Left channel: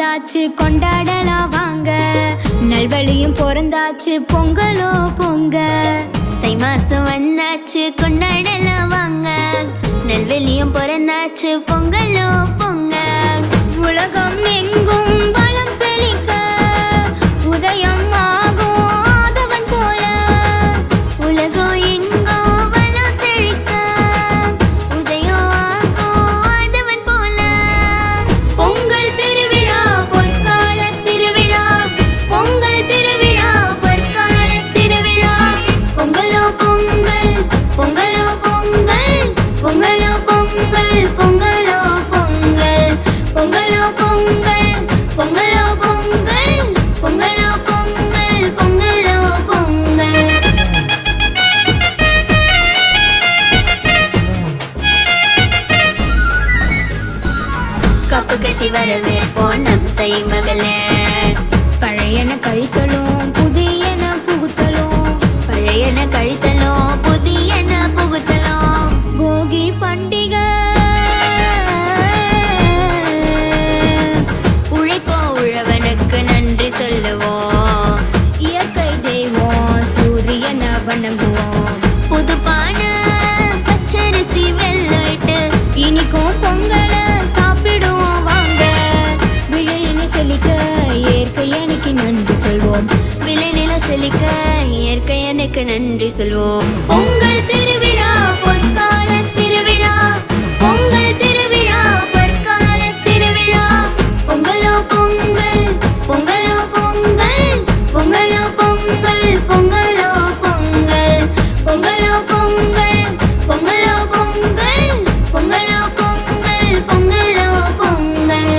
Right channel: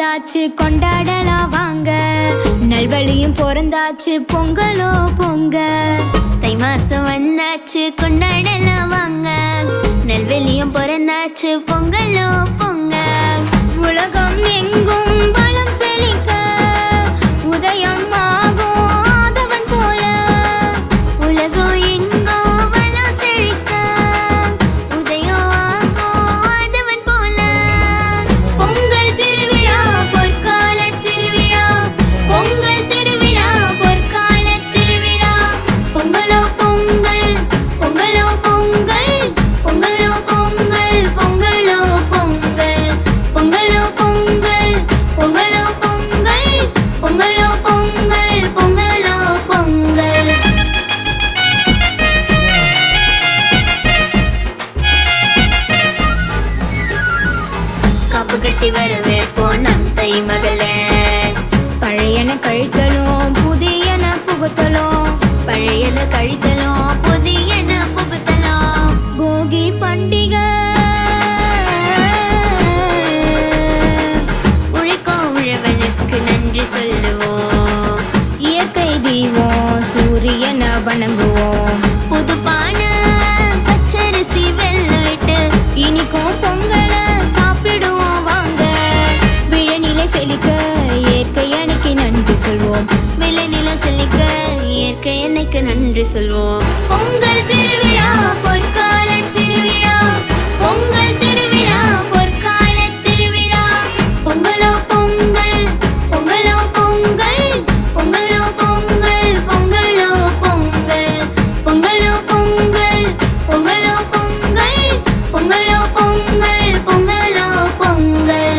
வந்தாச்சு கொண்டாடலாம் வாங்க, நல்வழியும் பிறந்தாச்சு பொங்கலோ பொங்க. தை மாசம் வந்தாச்சு கொண்டாடலாம் வாங்க, நல்வழியும் பிறந்தாச்சு பொங்கலோ பொங்க. உலகம் எங்கும் பலம் செழிக்க உதயம் ஆகும் ஆதவன் போல, உலகம் எங்கோ பலம் செழிக்க உதயம் ஆகும் ஆதவன் போல. பொங்கல் திருவிழா பொற்கால திருவிழா, பொங்கல் திருவிழா பொற்கால திருவிழா. பொங்கலோ பொங்கல் பொங்கலோ பொங்கல், பொங்கலோ பொங்கல் பொங்கலோ பொங்கல், பொங்கலோ பொங்கல் பொங்கலோ பொங்கல், பொங்கலோ பொங்கல் பொங்கலோ பொங்கல். காப்பு கட்டி வரவேற்போம் நம் தை மகளே, பழையன கழித்தலும் புதியன புகுத்தலும், பழையன கழித்தலும் புதியன புகுத்தலும். போகி பண்டிகை உழைக்கும் உழவனுக்கு நன்றி சொல்லுவோம், இயற்கை தெய்வம் சூரியன வணங்குவோம். புதுப்பான பச்சரிசி வெள்ளவிட்டு இனிக்கும் பொங்கல சாப்பிடுவோம் வாங்க. விழலில செழிக்க இயற்கை எனக்கு நன்றி சொல்வோம், விழலில செழிக்க இயற்கை எனக்கு நன்றி சொல்வோம். பொங்கல் திருவிழா பொற்கால திருவிழா, பொங்கல் திருவிழா பொற்கால திருவிழா. பொங்கலோ பொங்கல் பொங்கலோ பொங்கல், பொங்கலோ பொங்கல் பொங்கலோ பொங்கல், பொங்கலோ பொங்கல் பொங்கலோ பொங்கல், பொங்கலோ பொங்கல் பொங்கலோ பொங்கல்.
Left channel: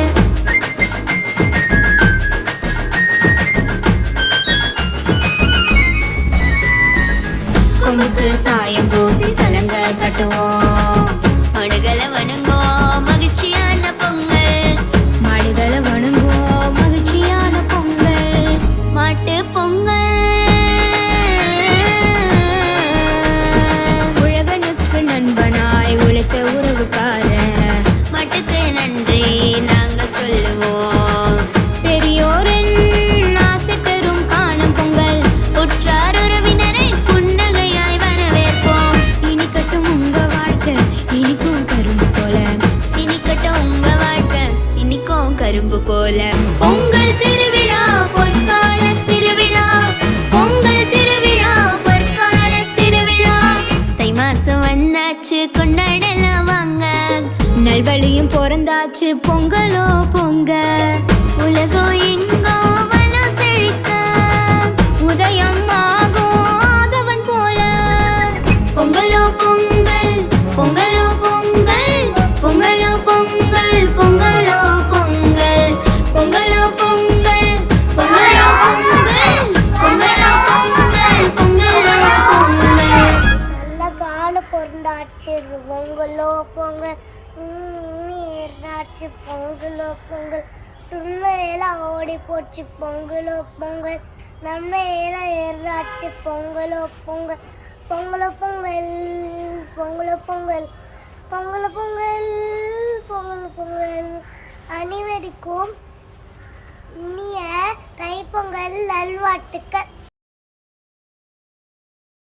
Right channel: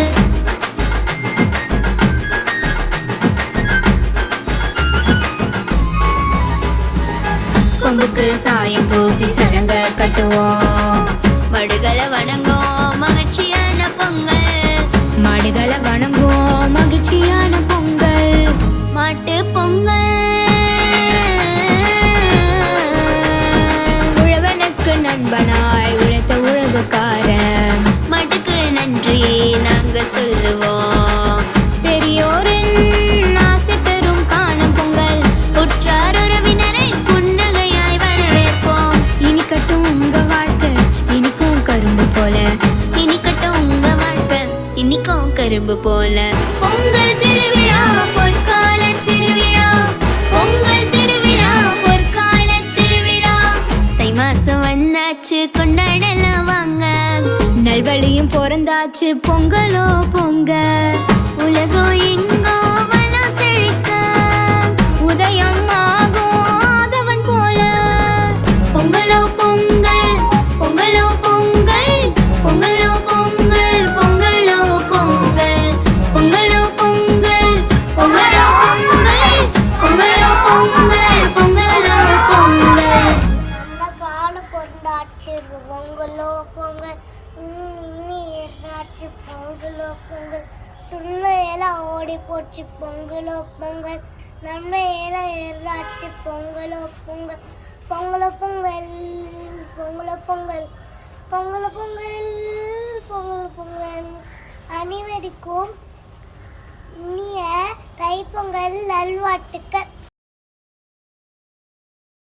கொம்புக்கு சாயம் பூசி சலங்க கட்டுவோம், மாடுகளை வணங்குவோம் மகிழ்ச்சியான பொங்கல், மாடுகளை வணங்குவோம் மகிழ்ச்சியான பொங்கல். மாட்டு பொங்கல் உழவனுக்கு நண்பனாய் உழைத்த உழவுக்காரன், மாட்டுக்கு நன்றி நாங்க சொல்லுவோம். பெரியோரின் ஆசை பெறும் காணும் பொங்கல், உற்றார் உறவினரை புன்னகையாய் வரவேற்போம். இனிக்கட்டும் உங்க வாழ்க்கை இனிக்கும் கரும்பு போல, இனிக்கட்டும் உங்க வாழ்க்கை இனிக்கும் கரும்பு போல. பொங்கல் திருவிழா பொற்கால திருவிழா, பொங்கல் திருவிழா பொற்கால திருவிழா. தை மாசம் வந்தாச்சு கொண்டாடலாம் வாங்க, நல்வழியும் பிறந்தாச்சு பொங்கலோ பொங்க. உலகம் எங்கோ வளம் செழிக்க உதயம் ஆகும் ஆதவன் போல. பொங்கலோ பொங்கல் பொங்கலோ பொங்கல், பொங்கலோ பொங்கல் பொங்கலோ பொங்கல், பொங்கலோ பொங்கல் பொங்கலோ பொங்கல், பொங்கலோ பொங்கல் பொங்கலோ பொங்கல். நல்ல கால பொருந்தாச்சு பொங்கலோ பொங்கல், இனி இருந்தாச்சு பொங்கலோ பொங்கல். துண்ண இலை ஓடி போச்சு பொங்கலோ பொங்கல், நம்ம இலை ஏறாச்சு பொங்கலோ பொங்கல். பொங்கலோ பொங்கல் பொங்கலோ பொங்கல், பொங்கலோ பொங்கல் பொங்கலோ பொங்கல். அனைவருக்கும் இனிய தைப்பொங்கல் நல்வாழ்த்துக்கள்.